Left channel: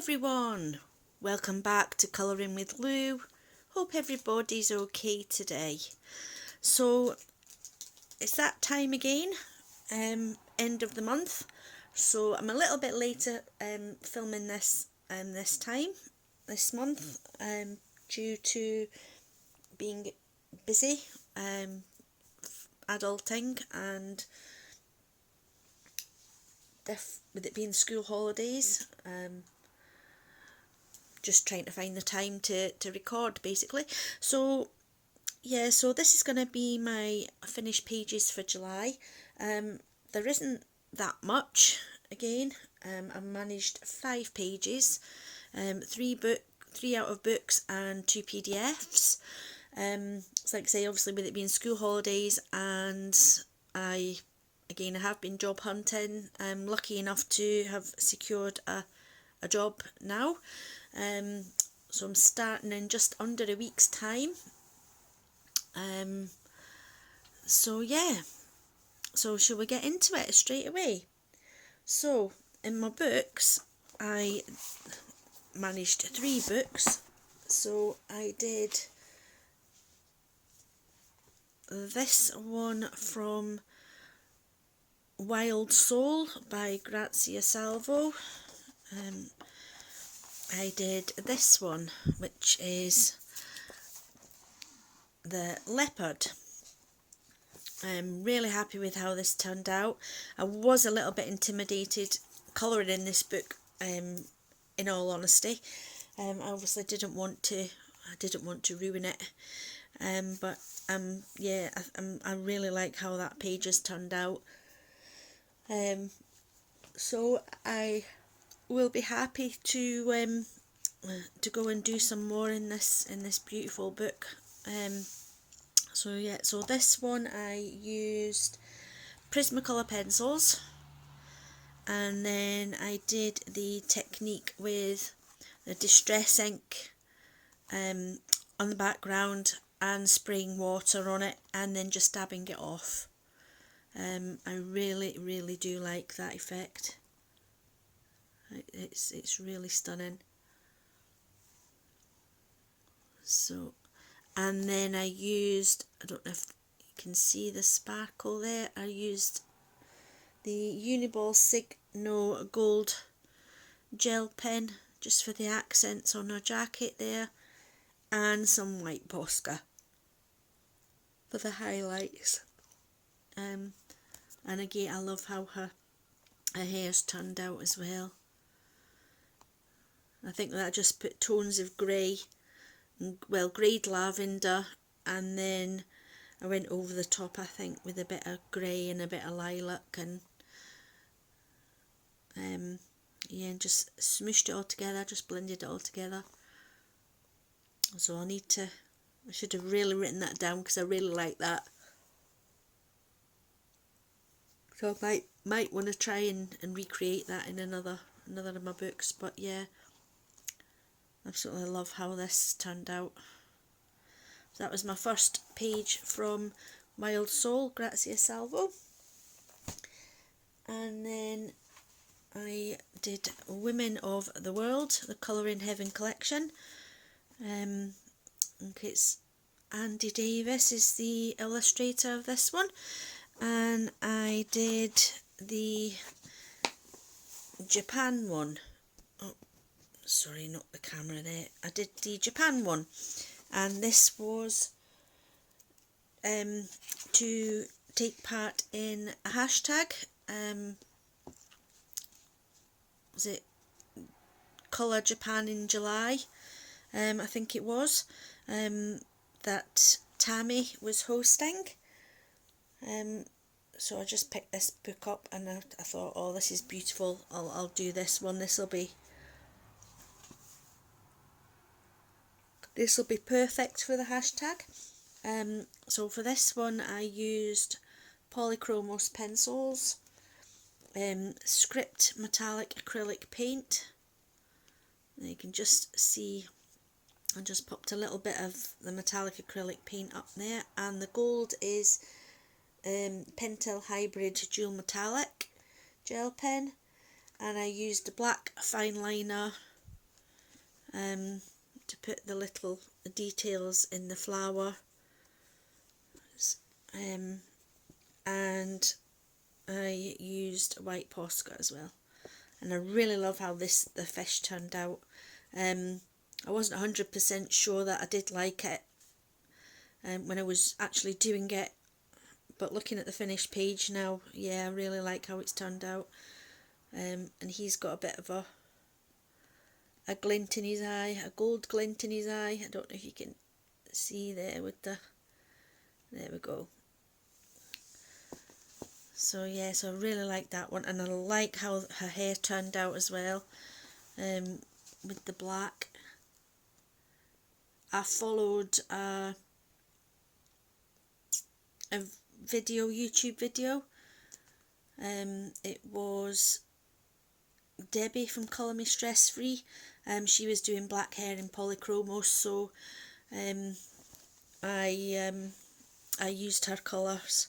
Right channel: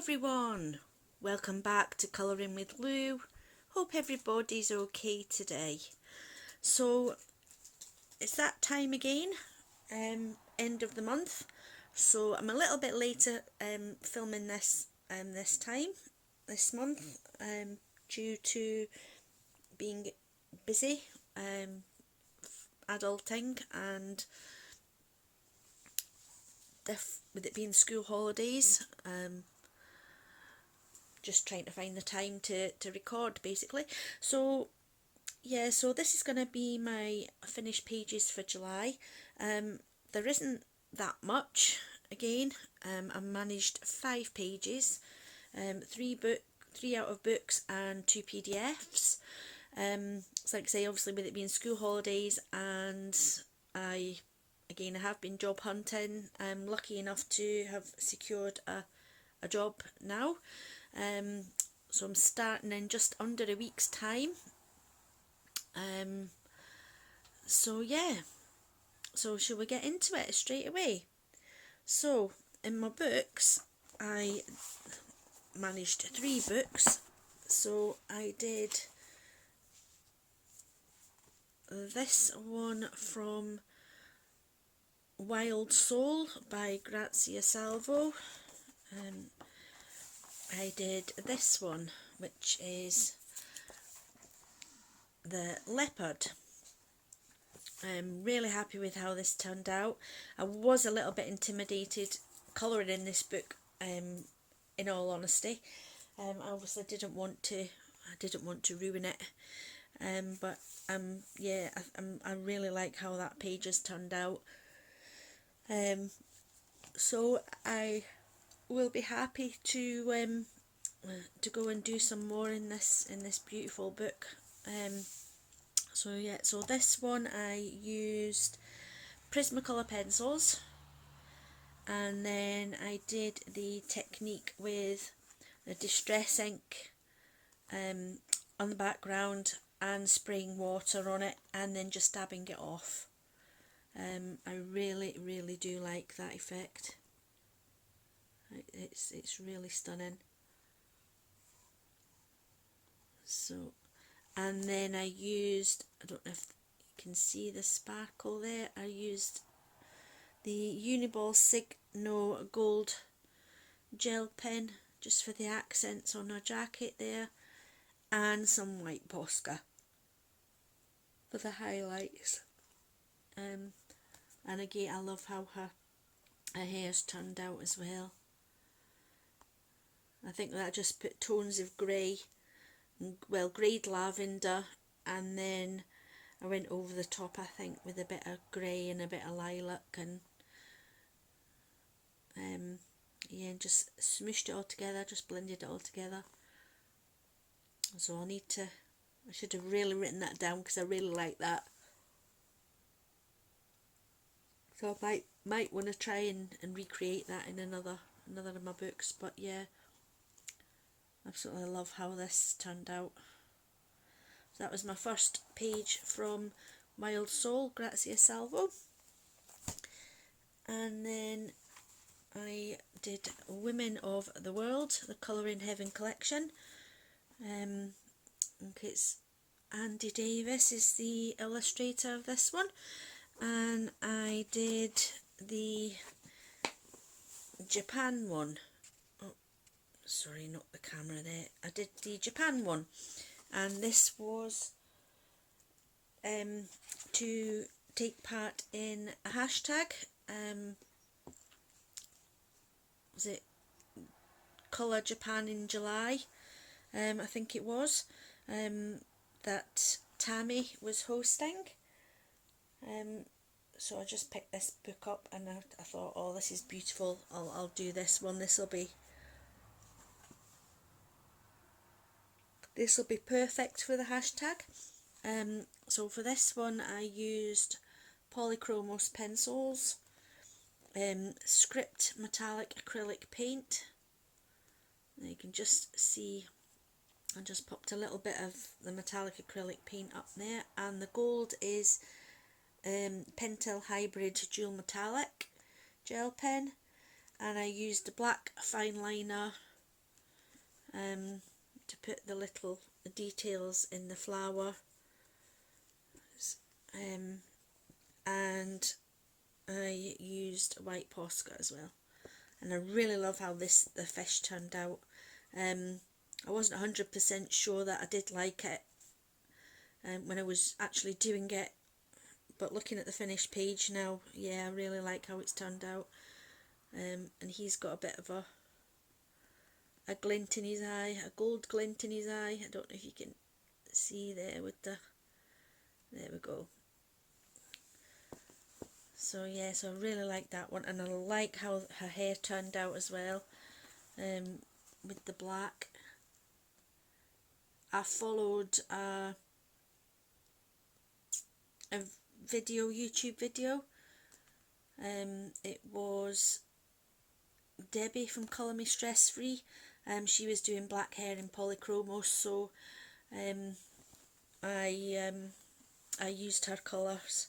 everyone, welcome back to Colouring with Lou. Hope everybody's okay today. So it's that time again, end of the month, so I'm a little bit later filming this this month, due to being busy, adulting, and with it being school holidays, just trying to find the time to record basically. So yeah, so this is going to be my finished pages for July. There isn't that much again. I managed 5 pages, 3 out of books and 2 PDFs. So like I say, obviously with it being school holidays, and I have been job hunting. I'm lucky enough to have secured a job now. So I'm starting in just under a week's time. So yeah, so shall we get into it straight away? So in my books, I managed 3 books. So I did this one from Wild Soul by Grazia Salvo. I did this one, which is The Leopard. I'm really happy with how this turned out. I was a little bit intimidated colouring in this book, in all honesty. I obviously didn't want to ruin it, but yeah, I really like how that page has turned out. So I will be happy to go and do some more in this beautiful book. So yeah, so this one I used Prismacolor pencils, and then I did the technique with the distress ink on the background and spraying water on it and then just dabbing it off. I really do like that effect. It's really stunning. So, and then I used, I don't know if you can see the sparkle there, I used the Uniball Signo Gold gel pen just for the accents on her jacket there, and some white Posca for the highlights. And again, I love how her hair's turned out as well. I think that I just put tones of grey, well, greyed lavender, and then I went over the top, I think, with a bit of grey and a bit of lilac, and yeah, and just smooshed it all together, just blended it all together. So I should have really written that down because I really like that. So I might want to try and recreate that in another of my books. But yeah, absolutely love how this turned out. So that was my first page from Wild Soul, Grazia Salvo. And then I did Women of the World, the Colouring Heaven collection. It's Andy Davis is the illustrator of this one, and I did the Japan one. Oh, sorry, not the camera there. I did the Japan one, and this was to take part in a hashtag. Was it Colour Japan in July? I think it was, that Tammy was hosting. So I just picked this book up, and I thought, oh, this is beautiful, I'll do this one. This will be perfect for the hashtag. So for this one I used Polychromos pencils, Script metallic acrylic paint. You can just see I just popped a little bit of the metallic acrylic paint up there, and the gold is Pentel Hybrid Dual Metallic gel pen, and I used a black fine liner to put the little details in the flower, and I used white Posca as well, and I really love how the fish turned out. I wasn't 100% sure that I did like it when I was actually doing it, but looking at the finished page now, yeah, I really like how it's turned out. And he's got a bit of a glint in his eye, a gold glint in his eye. I don't know if you can see there with the, there we go. So yeah, so I really like that one, and I like how her hair turned out as well, with the black. I followed a YouTube video. It was Debbie from Colour Me Stress Free. She was doing black hair in polychromos, so I used her colours,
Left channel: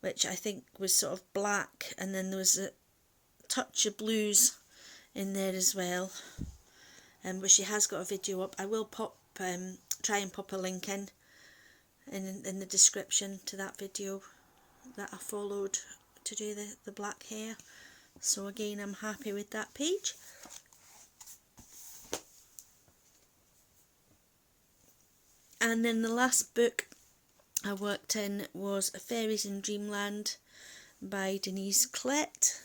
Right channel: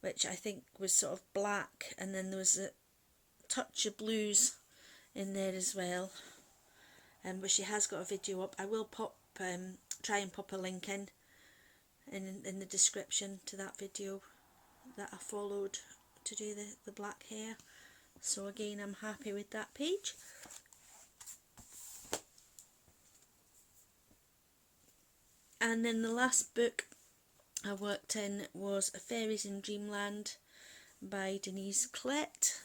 which I think was sort of black, and then there was a touch of blues in there as well. But she has got a video up. I will try and pop a link in the description to that video that I followed to do the black hair. So again, I'm happy with that page. And then the last book I worked in was Fairies in Dreamland by Denise Clett.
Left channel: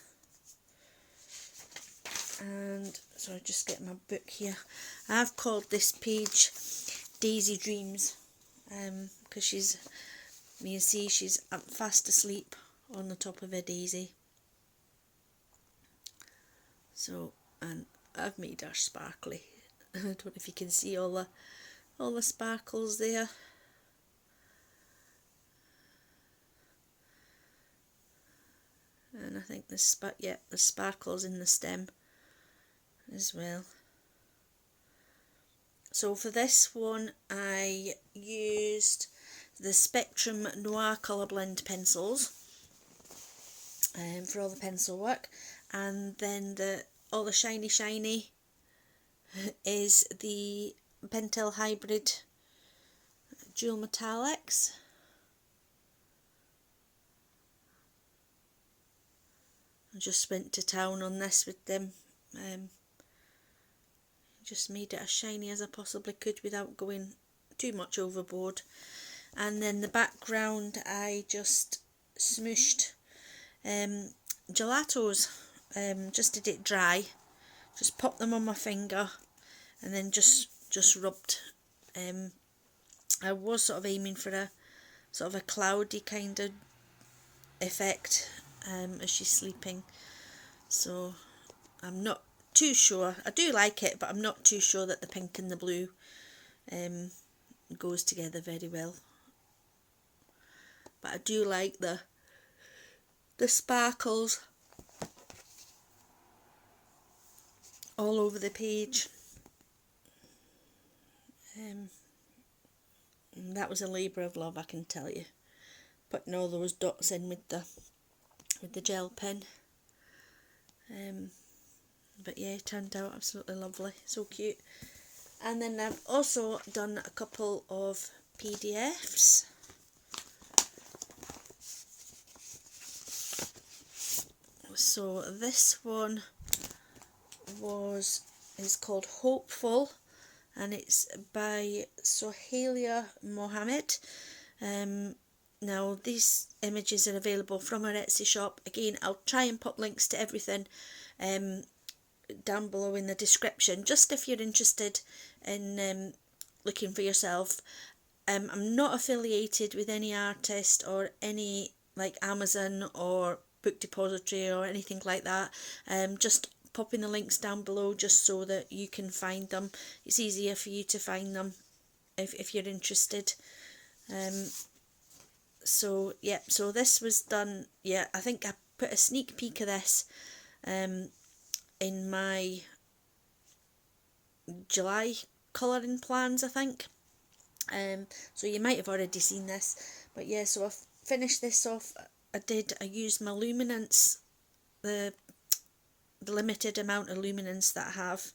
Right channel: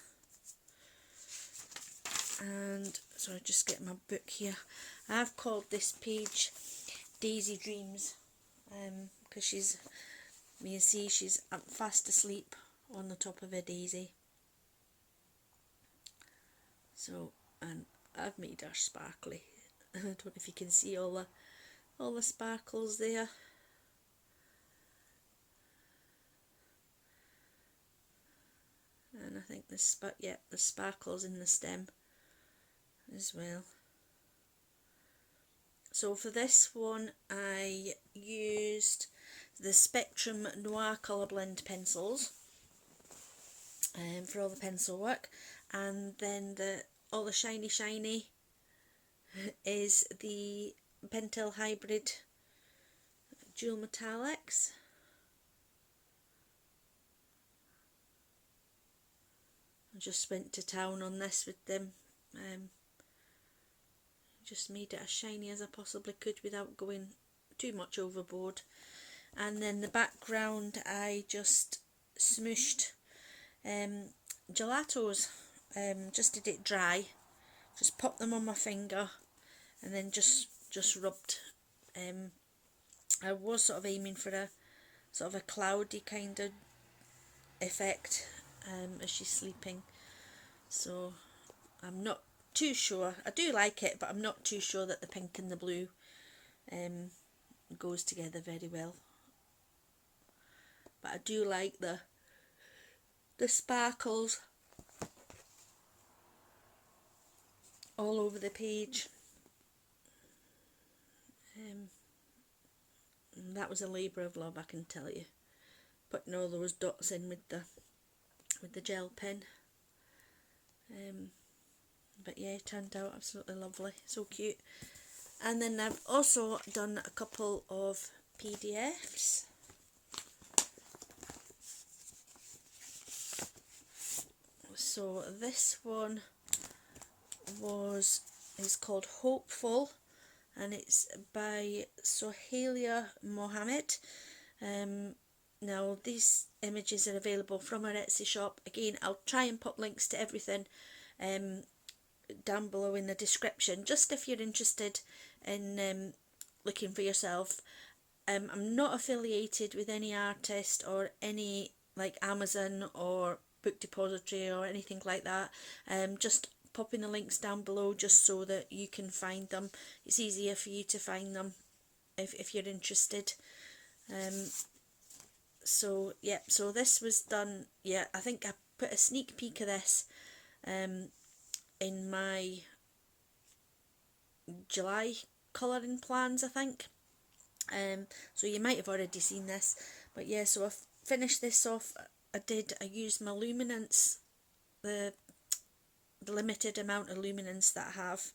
And so I just get my book here. I've called this page Daisy Dreams, because you can see she's fast asleep on the top of a daisy. So, and I've made her sparkly. I don't know if you can see all the sparkles there. And I think the sparkles in the stem as well. So for this one, I used the Spectrum Noir Colour Blend pencils for all the pencil work, and then all the shiny is the Pentel Hybrid Dual Metallics. I just went to town on this with them. Just made it as shiny as I possibly could without going too much overboard. And then the background, I just smooshed gelatos, just did it dry, just popped them on my finger and then just rubbed. I was sort of aiming for a sort of a cloudy kind of effect as she's sleeping, so I'm not too sure. I do like it, but I'm not too sure that the pink and the blue goes together very well. But I do like the sparkles all over the page. That was a labour of love, I can tell you, putting all those dots in with the gel pen. But yeah, it turned out absolutely lovely, so cute. And then I've also done a couple of PDFs. So this one is called Hopeful, and it's by Sohaila Mohammed. Now these images are available from our Etsy shop. Again, I'll try and put links to everything down below in the description, just if you're interested in looking for yourself. I'm not affiliated with any artist or any like Amazon or Book Depository or anything like that. Just popping the links down below just so that you can find them. It's easier for you to find them if you're interested. So yeah, so this was done, yeah, I think I put a sneak peek of this in my July colouring plans, I think. So you might have already seen this, but yeah, so I finished this off. I used my luminance, the limited amount of luminance that I have,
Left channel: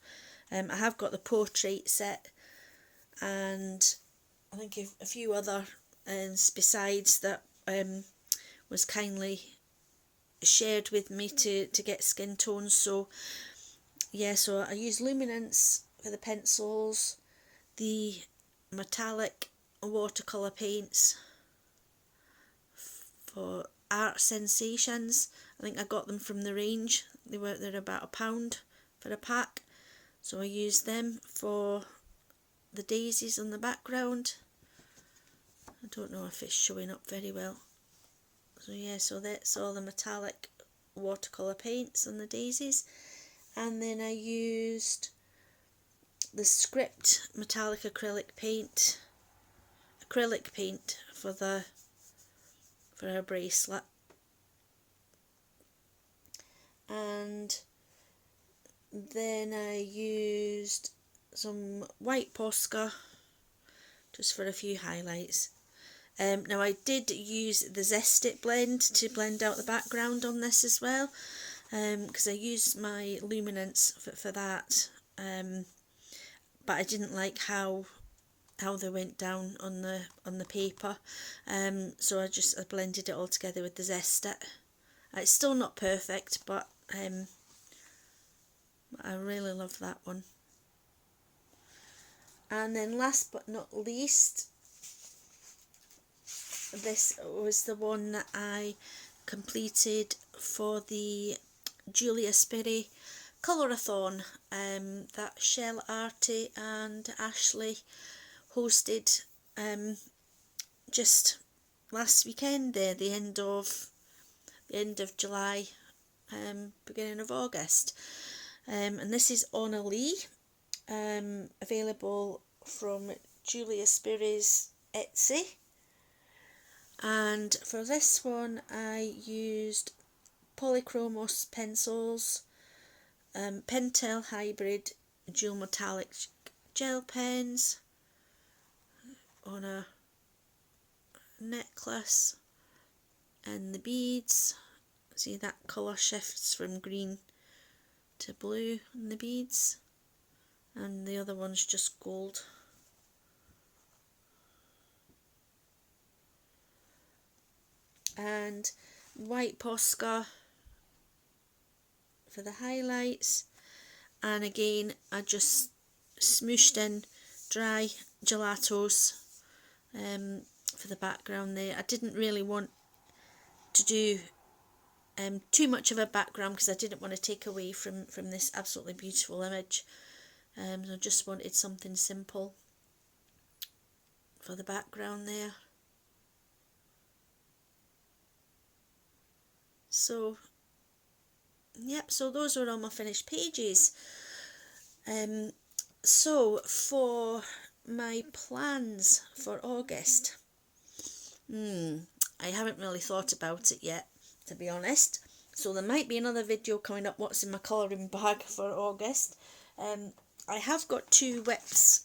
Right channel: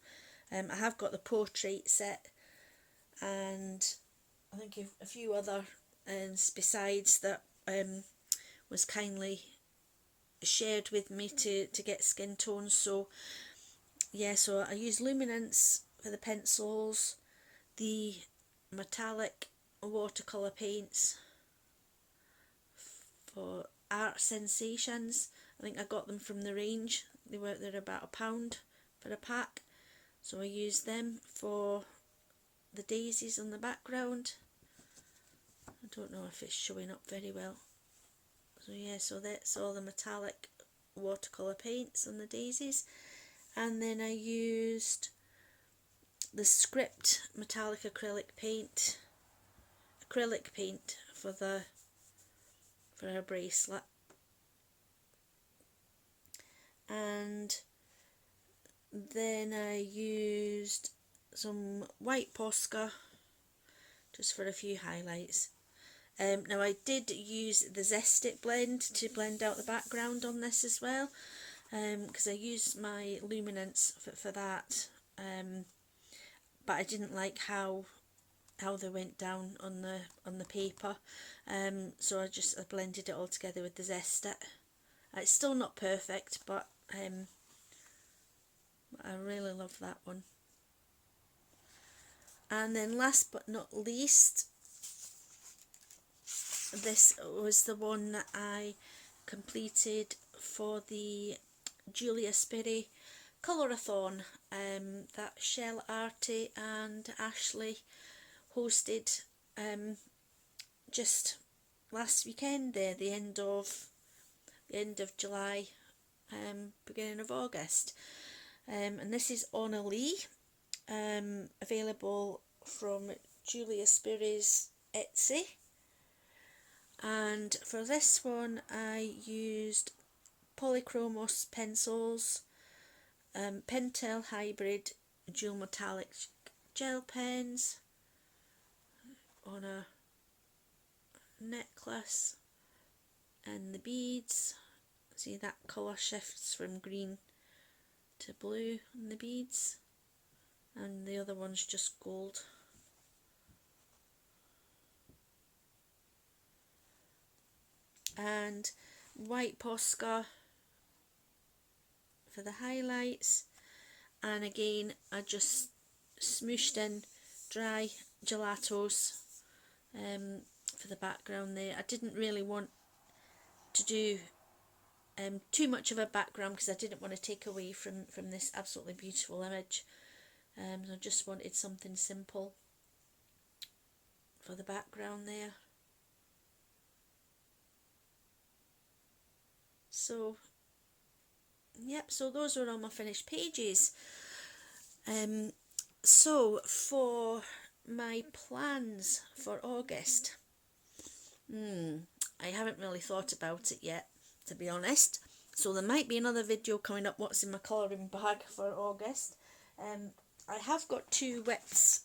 I have got the portrait set, and I think a few other besides that was kindly shared with me to get skin tones. So yeah, so I use luminance for the pencils, the metallic watercolour paints for Art Sensations. I think I got them from the range. They're about £1 for a pack, so I used them for the daisies on the background. I don't know if it's showing up very well. So yeah, so that's all the metallic watercolour paints on the daisies. And then I used the Script metallic acrylic paint for her bracelet. And then I used some white Posca just for a few highlights. Now I did use the Zest It blend to blend out the background on this as well, because I used my luminance for that, but I didn't like how they went down on the paper, so I blended it all together with the Zest It. It's still not perfect, but I really love that one. And then last but not least, this was the one that I completed for the Julia Spiri Colorathon that Shell Artie and Ashley hosted just last weekend there, the end of July, beginning of August. And this is Anna Lee, available from Julia Spiri's Etsy. And for this one I used Polychromos pencils, Pentel Hybrid dual metallic gel pens on a necklace, and the beads. See that colour shifts from green to blue in the beads, and the other one's just gold. And white Posca for the highlights, and again I just smooshed in dry gelatos for the background there. I didn't really want to do too much of a background because I didn't want to take away from this absolutely beautiful image. I just wanted something simple for the background there. So yep, so those are all my finished pages. So for my plans for August, I haven't really thought about it yet, to be honest. So there might be another video coming up, what's in my colouring bag for August. I have got 2 whips,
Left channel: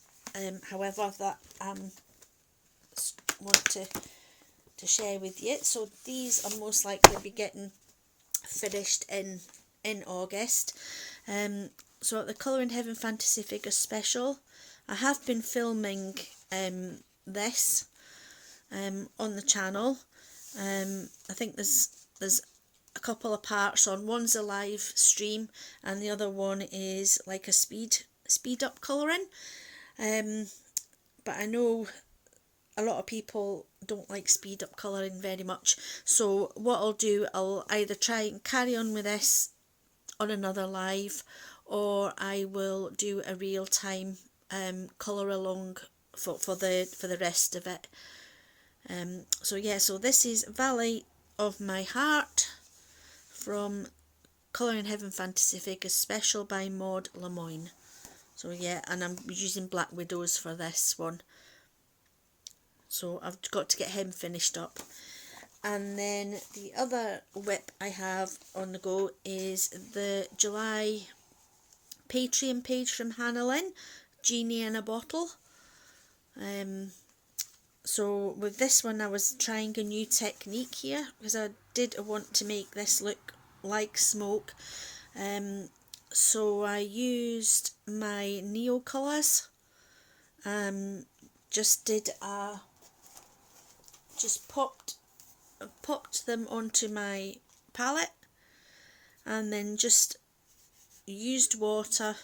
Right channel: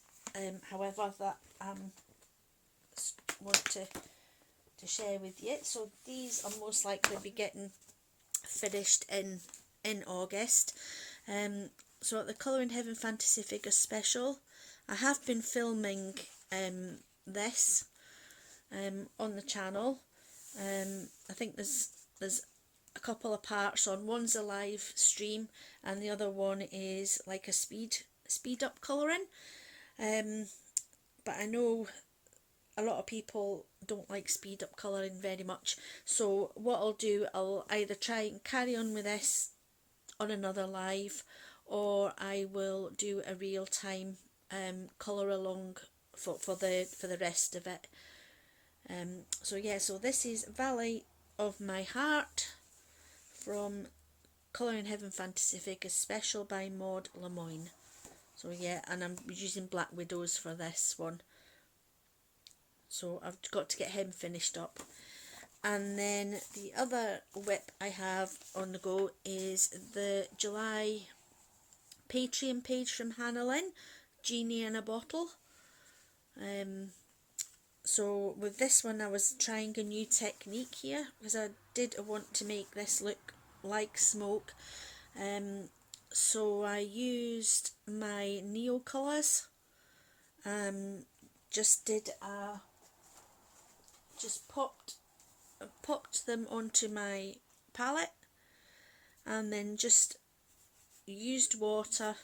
however, that I want to share with you. So these are most likely to be getting finished in August. So at the Colour in Heaven Fantasy Figure Special, I have been filming this on the channel. I think there's a couple of parts on. One's a live stream and the other one is like a speed up colouring. But I know a lot of people don't like speed up colouring very much, so what I'll do, I'll either try and carry on with this on another live, or I will do a real time colour along for the rest of it. So yeah, so this is Valley of My Heart from Colour in Heaven Fantasy Figures Special by Maud Lemoyne. So yeah, and I'm using Black Widows for this one. So I've got to get him finished up. And then the other whip I have on the go is the July Patreon page from Hannah Lynn, Genie in a Bottle. So with this one I was trying a new technique here because I did want to make this look like smoke. So I used my Neo colours, just popped them onto my palette, and then just used water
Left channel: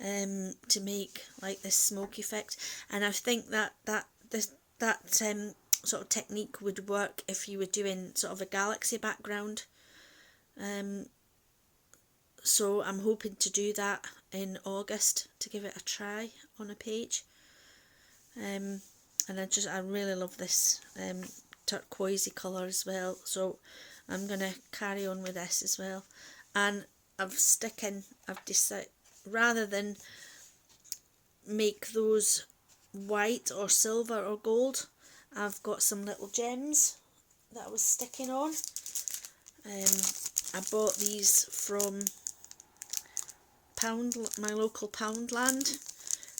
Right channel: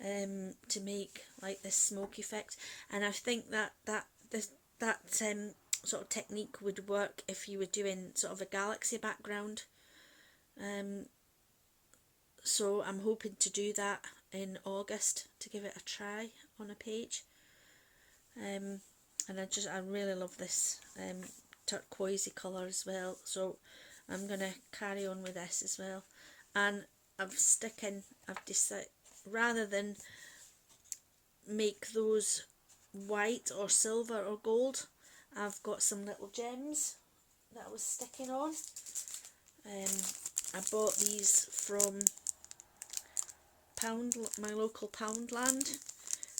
to make like this smoke effect. And I think that sort of technique would work if you were doing sort of a galaxy background. So I'm hoping to do that in August, to give it a try on a page. And I really love this turquoisey colour as well, so I'm going to carry on with this as well. And I've decided, rather than make those white or silver or gold, I've got some little gems that I was sticking on. I bought these from my local Poundland,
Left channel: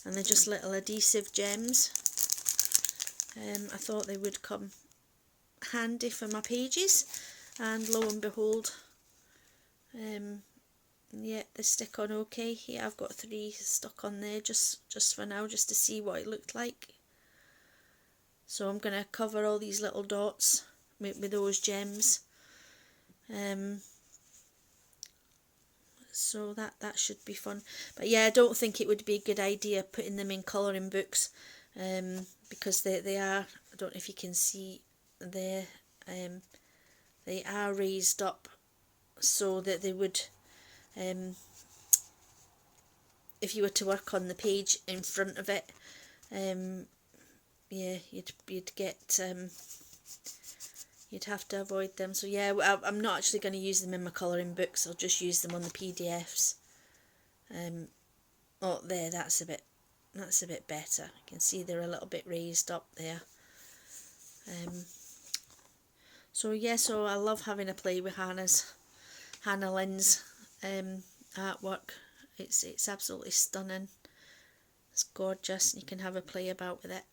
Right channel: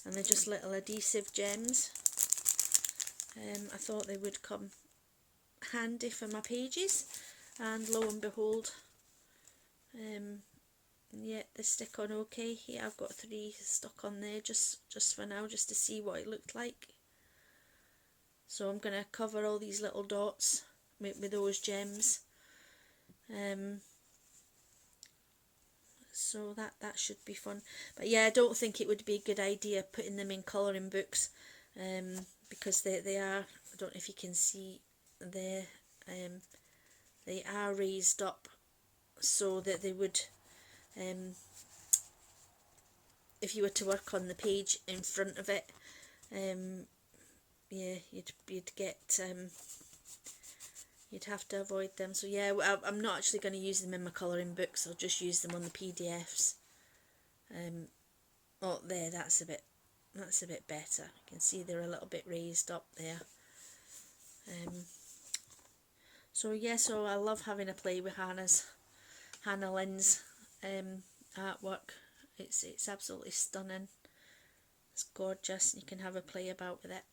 and they're just little adhesive gems. I thought they would come handy for my pages, and lo and behold, yeah, they stick on okay. Here I've got 3 stuck on there just for now, just to see what it looked like. So I'm going to cover all these little dots with those gems. So that should be fun. But yeah, I don't think it would be a good idea putting them in colouring books, because they are, I don't know if you can see there, they are raised up so that they would, if you were to work on the page in front of it, yeah, you'd get, you'd have to avoid them. So yeah, I'm not actually going to use them in my colouring books. I'll just use them on the PDFs. Oh, there, that's a bit better. You can see they're a little bit raised up there. So yeah, so I love having a play with Hannah Lynn's artwork. It's absolutely stunning. It's gorgeous. You can have a play about with it.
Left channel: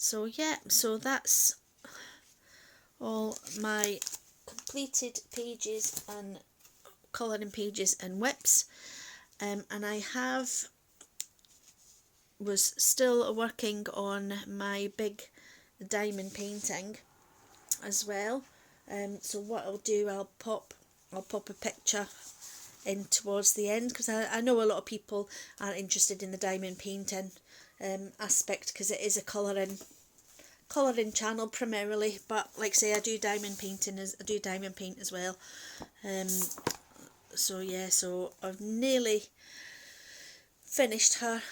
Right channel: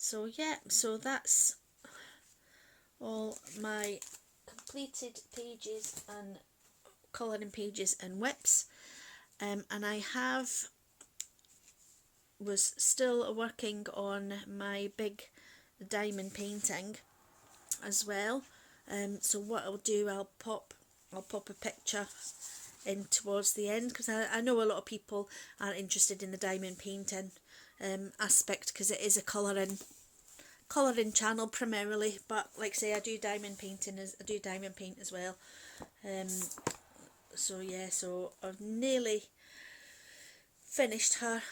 So yeah, so that's all my completed pages and colouring pages and whips. And I was still working on my big diamond painting as well. So what I'll do, I'll pop a picture in towards the end, because I know a lot of people aren't interested in the diamond painting aspect, because it is a colouring channel primarily, but like I say, I do diamond paint as well. So yeah, so I've nearly finished her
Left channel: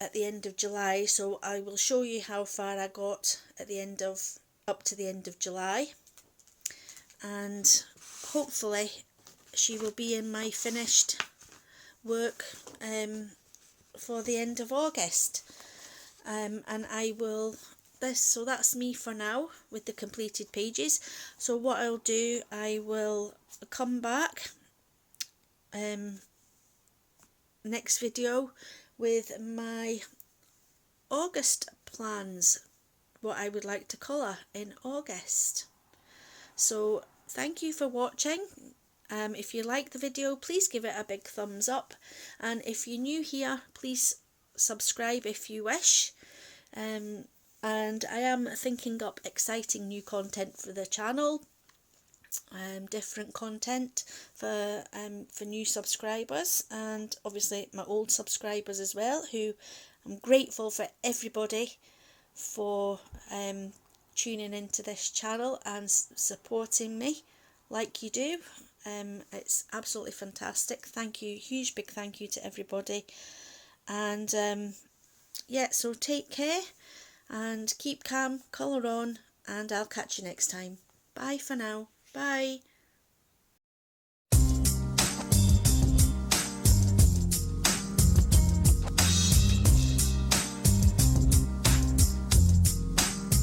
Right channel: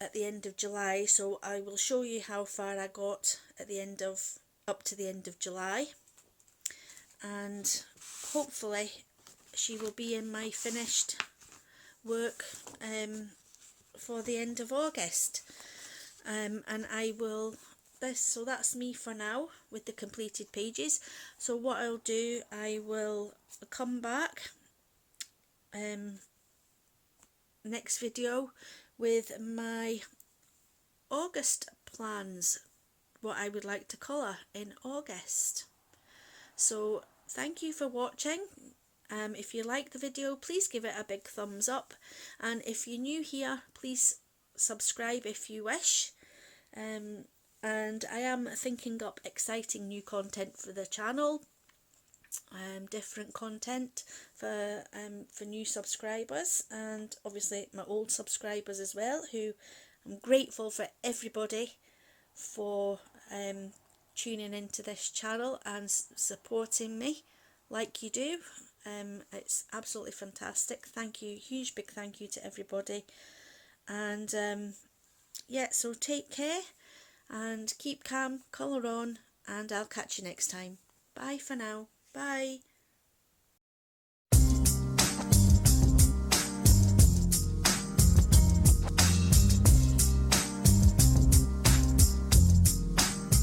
at the end of July, so I will show you how far I got up to the end of July, and hopefully she will be in my finished work for the end of August. And I will, so that's me for now with the completed pages. So what I'll do, I will come back next video with my August plans, what I would like to colour in August. So thank you for watching. If you like the video, please give it a big thumbs up, and if you're new here, please subscribe if you wish. And I am thinking up exciting new content for the channel, different content for new subscribers, and obviously my old subscribers as well, who I'm grateful for everybody for tuning into this channel and supporting me like you do. It's absolutely fantastic. Thank you, huge big thank you to everybody. And yeah, so take care and keep calm, colour on, and I'll catch you next time. Bye for now. Bye.